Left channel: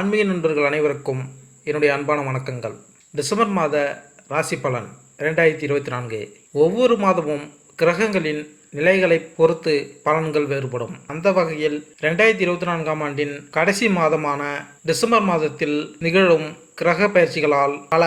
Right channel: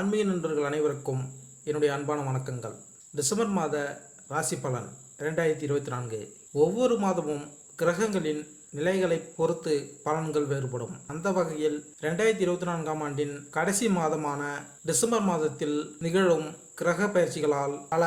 ஆன்மீக நண்பர்கள் அனைவருக்கும் என்னுடைய அன்பான வணக்கங்கள். டிசம்பர் மாத ராசி பலன் ரெண்டாயிரத்தி இருபத்தி நான்கு. ஒவ்வொரு மாதமும் கிரகங்களின் நிலைகளை பொறுத்து பலன்கள் வேறுபடும். அந்த வகையில் ரெண்டாயிரத்தி இருபத்தி நான்காம் ஆண்டின் கடைசி மாதமான டிசம்பர் மாதத்தில் நிகழும் கிரக பயிற்சிகளால் பல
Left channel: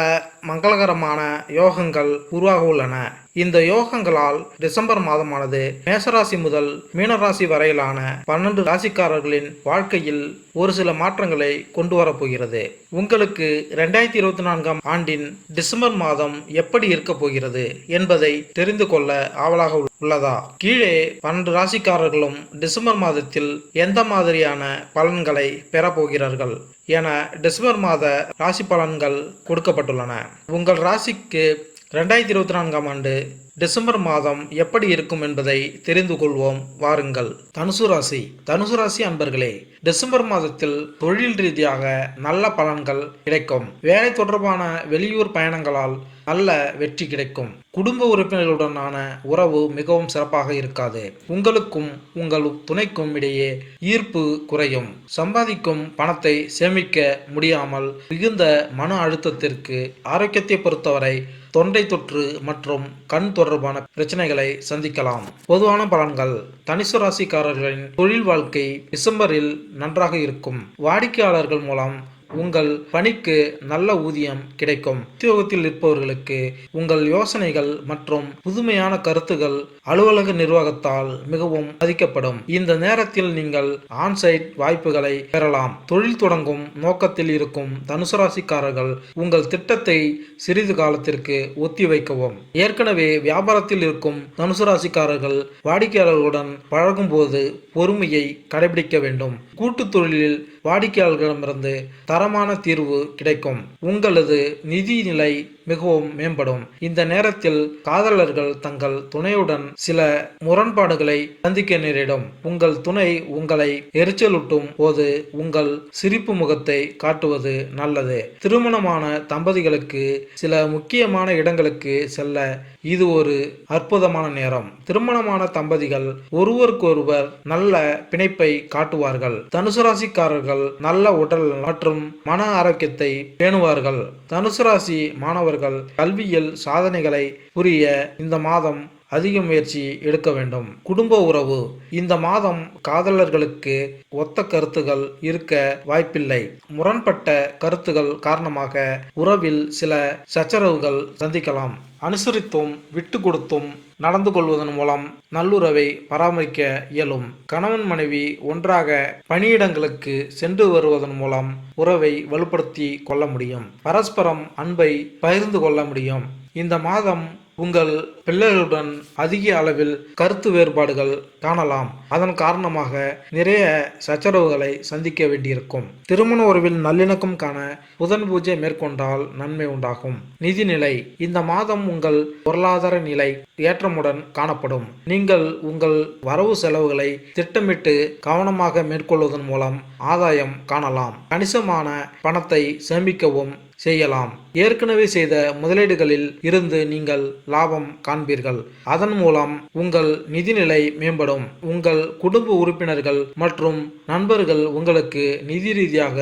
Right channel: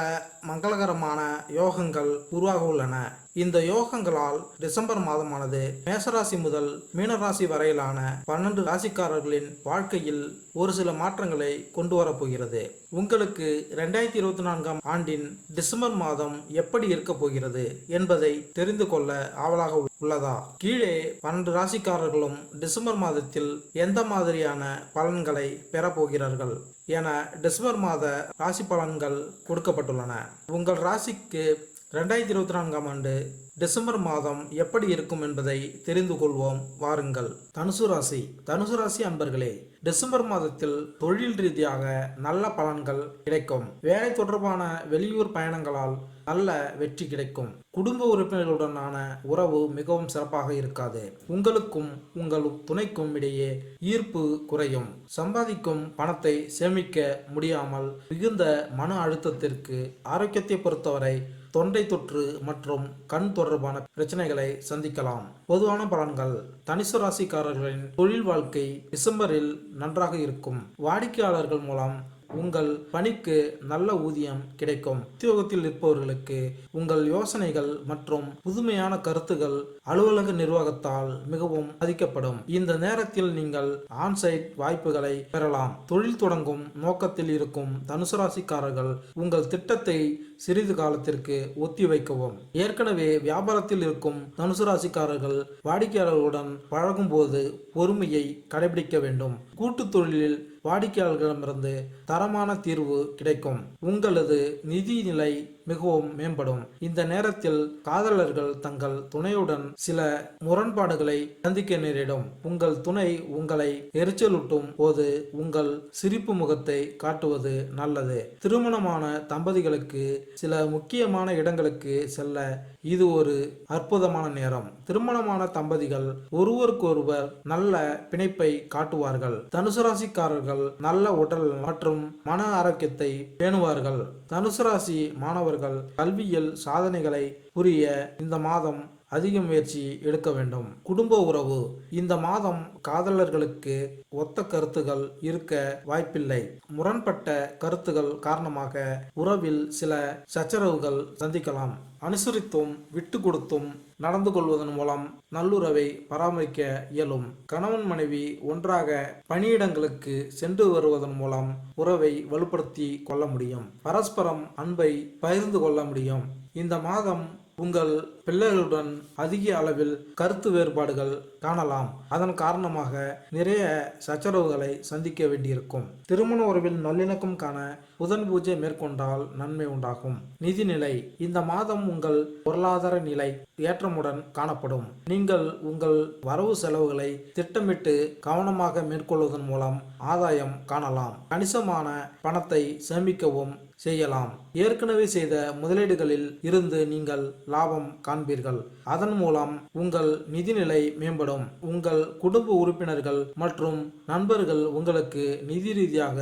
மங்களகரமான யோகங்கள் உருவாக உள்ளன இந்த யோகங்களால் டிசம்பர் மாதமானது மேசராசி முதல் மீனராசி வரையிலான பன்னெண்டு ராசிக்காரர்களின் வாழ்க்கையில் ஒரு சில மாற்றங்களை கொண்டு வரப்போகிறது உங்களுக்கு ரெண்டாயிரத்தி இருபத்தி நான்காம் ஆண்டின் டிசம்பர் மாதம் எப்படி இருக்க போகிறது என்பதை தெரிந்து கொள்ள ஆவலாக உள்ளதா? கீழே பன்னெண்டு ராசிக்காரர்களும் டிசம்பர் மாதத்தில் எந்த மாதிரியான பலன்களை பெறப்போகிறார்கள் என டிசம்பர் மாத ராசி பலன்கள் கொடுக்கப்பட்டுள்ளன. உங்கள் ராசிக்கு ரெண்டாயிரத்தி இருபத்தி நான்காம் ஆண்டு டிசம்பர் மாதம் எப்படி இருக்கும் என்பதை தெரிந்து கொள்வோம். வாருங்கள். தனுசு ராசி. தனுசு ராசி அன்பர்களே டிசம்பர் மாதத்தில் தொழில் ரீதியாக நல்ல பலன்கள் கிடைக்கும். வேலை தொடர்பான வெளியூர் பயணங்களால் நல்ல வெற்றி கிடைக்கும். குடும்ப உறுப்பினர்களுடனான உறவு மிகவும் சிறப்பாக இருக்காது. உங்களுக்கும் உங்கள் துணைக்கும் இடையே ஈர்ப்பு குறையும். சம்பாதிக்கும் பணத்தை சேமிக்க முடியாமல் மிகுந்த மன அழுத்தத்திற்கு ஆரோக்கியத்தை பொறுத்தவரை தொண்டை தொற்று மற்றும் கண் தொடர்பான பிரச்சனைகளை சந்திக்கலாம். பொதுவான பலன்கள். தனிசு ராசிக்காரர்களின் தொழில் வாழ்க்கை டிசம்பரில் நன்றாக இருக்கும். வாடிக்கையாளர்கள் மூலம் உங்கள் பணிக்கு நல்ல ஊதியம் கிடைக்கும். உத்தியோகத்தில் இருப்பவர்களுக்கு உங்கள் யோசனைகள் மற்றும் புதுமையான கருத்துகள் அலுவலக நிர்வாகத்தால் மிகவும் மதிக்கப்படும் இந்த நேரத்தில் நீங்கள் ஆன்சைட் வாய்ப்புகளை பெறலாம். தொழில் தொடங்கும் நோக்கத்தில் இருக்கும் தனுசு ராசிக்காரர்கள் உங்கள் திட்டத்தை சிறிது காலத்திற்கு ஒத்திவைக்கவும் ஏற்கனவே வியாபாரத்தில் இருக்கும் தனுசு ராசிக்காரர்கள் வாடிக்கையாளர்களுடன் பழகும்போது பொறுமையை கடைபிடிக்க வேண்டும். கூட்டு தொழிலில் வாடிக்கையாளர்களிடமிருந்து தரமான தீர்வு கிடைக்கும். உங்களது நிதி நிலை மிகவும் மேம்படும். இந்த நேரத்தில் காதலர்கள் தங்கள் துணையுடன் சில முரண்பாடுகளை சந்திக்க நேரிடும். உங்கள் துணை உங்களை எரிச்சலூட்டும் போது உங்கள் சிரிப்பு முகத்தை காட்டுவது நல்லது. திருமணமான தம்பதிகளுக்கு சில முக்கியமான இடங்களுக்கு செல்ல இது ஒரு அற்புதமான நேரம். திருமணமான தம்பதிகள் ஒருவருக்கொருவர் நல்ல பிணைப்பை காட்டுவார்கள். தனுசு ராசிக்காரர்கள் நல்ல உடல் மற்றும் மன ஆரோக்கியத்தை பேணுவார்கள். தனுசு ராசி மாணவர்கள் கல்வியில் சாதனைகளை புரிய இந்த மாதம் அதிக முயற்சி எடுக்க வேண்டும். குடும்ப உறவு. இந்த மாதம் காதலர்களுக்கு ஒத்த கருத்துகள் இருக்க வாய்ப்பில்லை. முரண்பட்ட கருத்துகள் காரணமாக உறவில் சில சச்சரவுகள் சந்திக்கலாம். அனுசரித்தும் விட்டு கொடுத்தும் நடந்து கொள்வதன் மூலம் நல்லுறவை பராமரிக்க இயலும். கணவன் மனைவி ஒன்றாக பணியிடங்களுக்கு சென்று வருவதன் மூலம் உறவை வலுப்படுத்தி கொள்ள முடியும். பரஸ்பரம் அன்பை பகிர்ந்து கொள்ள முடியும். இந்த மாதம் உங்கள் பிள்ளைகளுடன் அதிக அளவில் கருத்து வேறுபாடுகள் காணலாம். அதன் காரணமாக நிறைய சச்சரவுகளை சந்திக்க வேண்டியிருக்கும். திருமண உறவில் நல்லிணக்கம் காண புதன் பூஜை மேற்கொண்டால் நன்மை உண்டாகும். நிதிநிலை இந்த மாதம் உங்கள் பொருளாதார நிலை ஏற்றமுடன் காணப்படும். நீங்கள் உங்கள் வரவு செலவுகளை திட்டமிட்டு கவனமாக மேற்கொள்வதன் மூலம் ஆதாயம் காணலாம். கணிசமான பணத்தை சேமிக்கவும் செய்யலாம். ஏற்கனவே செய்த முதலீடுகளில் இருந்து நீங்கள் லாபம் காண்பீர்கள். அதன் மூலம் உங்கள் நிதிநிலை மேம்படும். உங்கள் குடும்ப உறுப்பினர்கள் மற்றும் நண்பர்கள் உங்களுக்கு நிதி ரீதியாக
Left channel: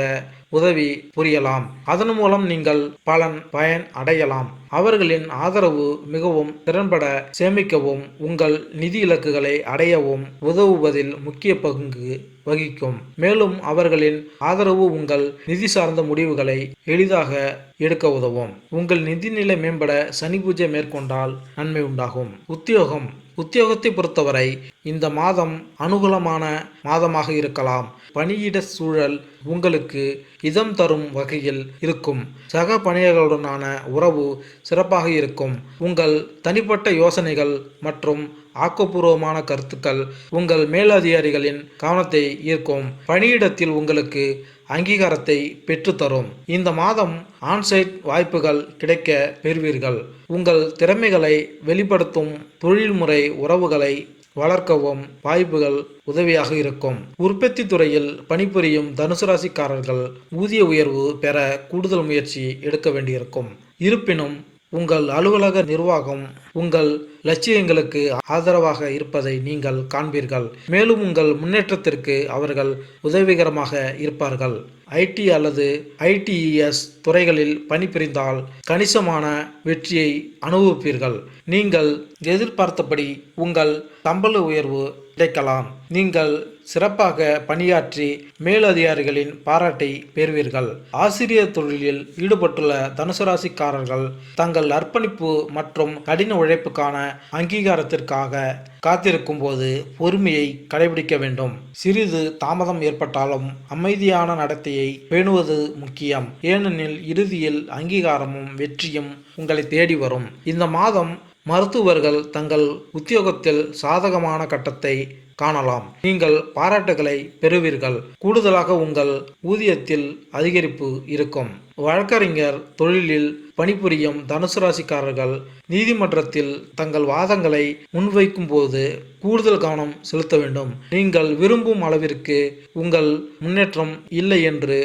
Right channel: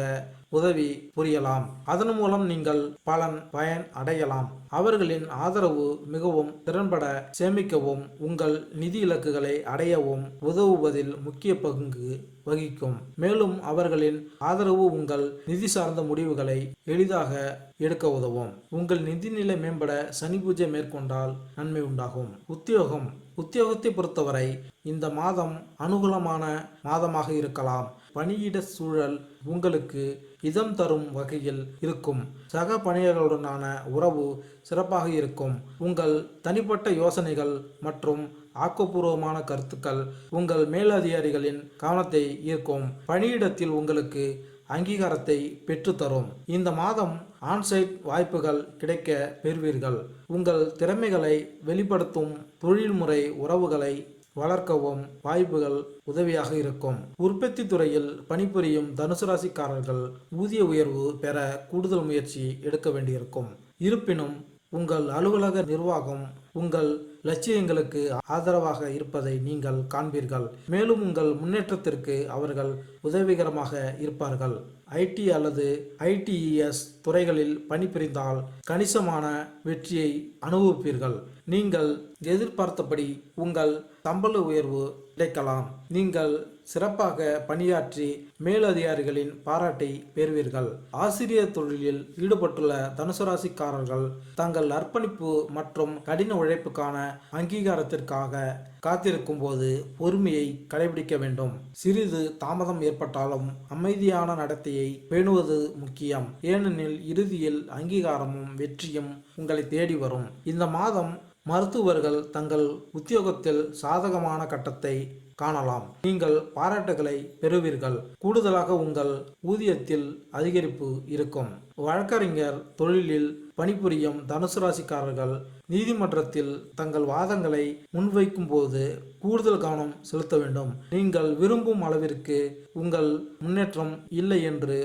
உதவி புரியலாம். அதன் மூலம் நீங்கள் பலன் பயன் அடையலாம். அவர்களின் ஆதரவு மிகவும் திறன்பட சேமிக்கவும் உங்கள் நிதி இலக்குகளை அடையவும் உதவுவதில் முக்கிய பங்கு வகிக்கும். மேலும் அவர்களின் ஆதரவு உங்கள் நிதி சார்ந்த முடிவுகளை எளிதாக எடுக்க உதவும். உங்கள் நிதிநிலை மேம்பட சனி பூஜை மேற்கொண்டால் நன்மை உண்டாகும். உத்தியோகம். உத்தியோகத்தை பொறுத்தவரை இந்த மாதம் அனுகூலமான மாதமாக இருக்கலாம். பணியிட சூழல் உங்களுக்கு இதம் தரும் வகையில் இருக்கும். சக பணியாளர்களுடனான உறவு சிறப்பாக இருக்கும். உங்கள் தனிப்பட்ட யோசனைகள் மற்றும் ஆக்கப்பூர்வமான கருத்துக்கள் உங்கள் மேலதிகாரிகளின் கவனத்தை ஈர்க்கும். பணியிடத்தில் உங்களுக்கு அங்கீகாரத்தை பெற்றுத்தரும். இந்த மாதம் ஆன்சைட் வாய்ப்புகள் கிடைக்க பெறுவீர்கள். உங்கள் திறமைகளை வெளிப்படுத்தும் தொழில்முறை உறவுகளை வளர்க்கவும் வாய்ப்புகள் உதவியாக இருக்கும். உற்பத்தி துறையில் பணிபுரியும் தனுசு ராசிக்காரர்கள் ஊதிய உயர்வு பெற கூடுதல் முயற்சி எடுக்க வேண்டியிருக்கும். இருப்பினும் உங்கள் அலுவலக நிர்வாகம் உங்கள் லட்சியங்களுக்கு ஆதரவாக இருப்பதை நீங்கள் காண்பீர்கள். மேலும் உங்கள் முன்னேற்றத்திற்கு அவர்கள் உதவிகரமாக இருப்பார்கள். ஐடி அல்லது ஐடிஇஎஸ் துறைகளில் பணிபுரிந்தால் கணிசமான வெற்றியை அனுபவிப்பீர்கள். நீங்கள் எதிர்பார்த்தபடி உங்கள் சம்பள உயர்வு கிடைக்கலாம் நீங்கள் சிறப்பாக பணியாற்றி மேலதிகாரிகளின் பாராட்டை பெறுவீர்கள். ஆசிரியர் தொழிலில் ஈடுபட்டுள்ள தனுசு ராசிக்காரர்கள் தங்கள் அர்ப்பணிப்பு மற்றும் கடின உழைப்புக்கான அங்கீகாரத்திற்காக காத்திருக்கும் போது பொறுமையை கடைபிடிக்க வேண்டும். சிறிது தாமதம் ஏற்பட்டாலும் அமைதியான நடத்தையை பேணுவது முக்கியம். ஏனெனில் இறுதியில் அங்கீகாரமும் வெற்றியும் உங்களை தேடி வரும். இந்த மாதம் மருத்துவர்கள் தங்கள் உத்தியோகத்தில் சாதகமான கட்டத்தை காணலாம். நீங்கள் பாராட்டுகளை பெறுவீர்கள். கூடுதலாக உங்கள் ஊதியத்தில் அதிகரிப்பு இருக்கும். வழக்கறிஞர் தொழிலில் பணிபுரியும் தனுசு ராசிக்காரர்கள் நீதிமன்றத்தில் தங்கள் வாதங்களை முன்வைக்கும் போது கூடுதல் கவனம் செலுத்த வேண்டும். நீங்கள் விரும்பும் அளவிற்கு உங்கள் முன்னேற்றம் இல்லை என்று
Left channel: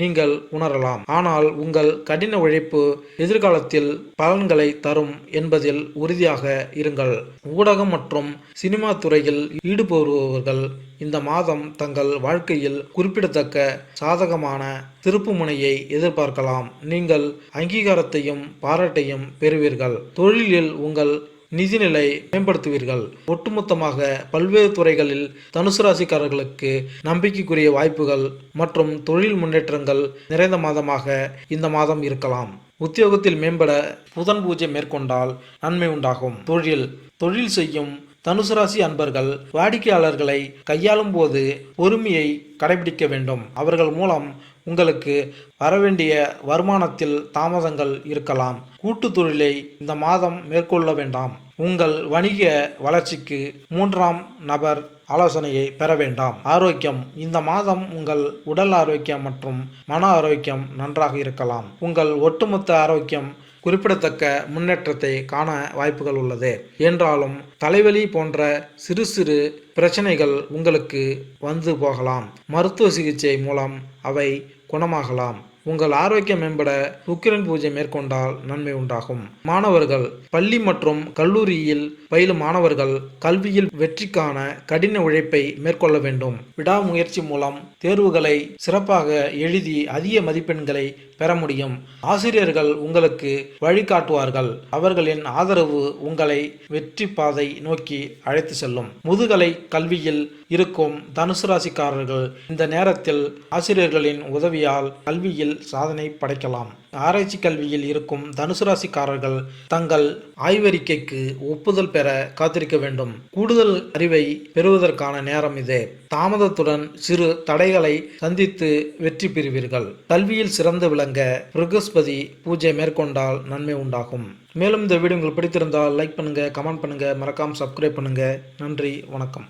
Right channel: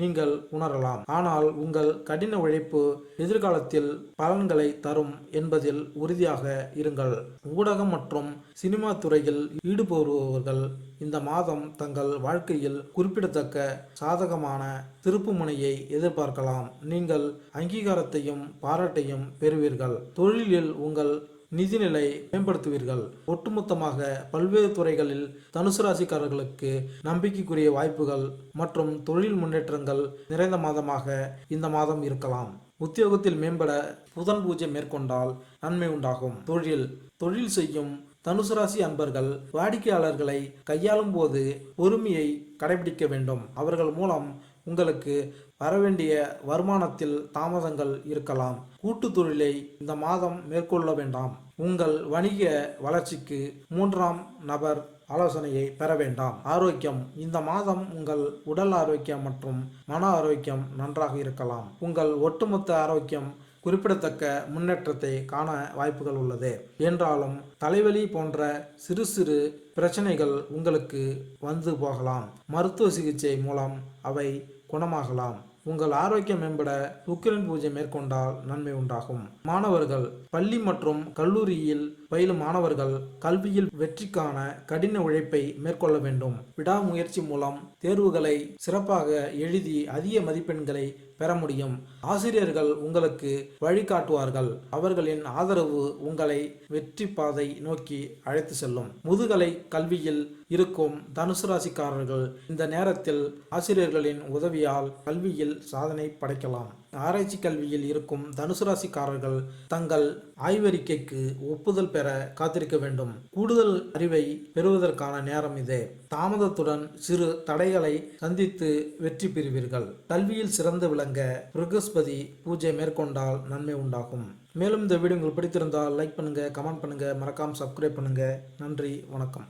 நீங்கள் உணரலாம். ஆனால் உங்கள் கடின உழைப்பு எதிர்காலத்தில் பலன்களை தரும் என்பதில் உறுதியாக இருங்கள். ஊடகம் மற்றும் சினிமா துறையில் ஈடுபடுபவர்கள் இந்த மாதம் தங்கள் வாழ்க்கையில் குறிப்பிடத்தக்க சாதகமான திருப்புமுனையை எதிர்பார்க்கலாம். நீங்கள் அங்கீகாரத்தையும் பாராட்டையும் பெறுவீர்கள். தொழிலில் உங்கள் நிதிநிலை மேம்படுத்துவீர்கள். ஒட்டுமொத்தமாக பல்வேறு துறைகளில் தனுசு ராசிக்காரர்களுக்கு நம்பிக்கைக்குரிய வாய்ப்புகள் மற்றும் தொழில் முன்னேற்றங்கள் நிறைந்த மாதமாக இந்த மாதம் இருக்கலாம். உத்தியோகத்தில் மேம்பட புதன் பூஜை மேற்கொண்டால் நன்மை உண்டாகும். தொழில் தொழில் செய்யும் தனுசு ராசி அன்பர்கள் வாடிக்கையாளர்களை கையாளும் போது பொறுமையை கடைபிடிக்க வேண்டும். அவர்கள் மூலம் உங்களுக்கு வரவேண்டிய வருமானத்தில் தாமதங்கள் இருக்கலாம். கூட்டு தொழிலை இந்த மாதம் மேற்கொள்ள வேண்டாம். உங்கள் வணிக வளர்ச்சிக்கு மூன்றாம் நபர் ஆலோசனையை பெற வேண்டாம். ஆரோக்கியம் இந்த மாதம் உங்கள் உடல் ஆரோக்கியம் மற்றும் மன ஆரோக்கியம் நன்றாக இருக்கலாம். உங்கள் ஒட்டுமொத்த ஆரோக்கியம் குறிப்பிடத்தக்க முன்னேற்றத்தை காண வாய்ப்புகள் உள்ளது. என்றாலும் தலைவலி போன்ற சிறு சிறு பிரச்சனைகள் உங்களுக்கு வந்து போகலாம். மருத்துவ சிகிச்சை மூலம் அவை குணமாகலாம். உங்கள் ஆரோக்கியம் மேம்பட சுக்கிரன் பூஜை மேற்கொண்டால் நன்மை உண்டாகும். மாணவர்கள் பள்ளி மற்றும் கல்லூரியில் பயிலும் மாணவர்கள் கல்வியில் வெற்றிக்கான கடின உழைப்பை மேற்கொள்ள வேண்டும். விடாமுயற்சி மூலம் தேர்வுகளை சிறப்பாக எழுதி அதிக மதிப்பெண்களை பெற முடியும். ஆசிரியர்கள் உங்களுக்கு வழிகாட்டுவார்கள் அவர்களின் ஆதரவு உங்களை வெற்றி பாதை நோக்கி அழைத்து செல்லும். முதுகலை கல்வியில் இருக்கும் தனுசு ராசிக்காரர்கள் இந்த நேரத்தில் ஆசிரியர்களின் உதவியால் கல்வியில் சாதனை படைக்கலாம். ஆராய்ச்சி கல்வியில் இருக்கும் தனுசு ராசிக்காரர்கள் தங்கள் ஆய்வறிக்கைக்கு ஒப்புதல் பெற காத்திருக்க வேண்டும். கூடுதல் அறிவை பெறுவதற்கான நேரம் இது. தாமதத்துடன் சிறு தடைகளை சந்தித்து வெற்றி பெறுவீர்கள். கல்வியில் சிறந்து விளங்க பிருகஸ்பதி பூஜை மேற்கொண்டால் நன்மை உண்டாகும். மேலும் இந்த வீடியோ உங்களுக்கு பிடித்திருந்தால் லைக் பண்ணுங்கள் கமெண்ட் பண்ணுங்கள் மறக்காமல் சப்ஸ்கிரைப் பண்ணுங்கள் நன்றி வணக்கம்.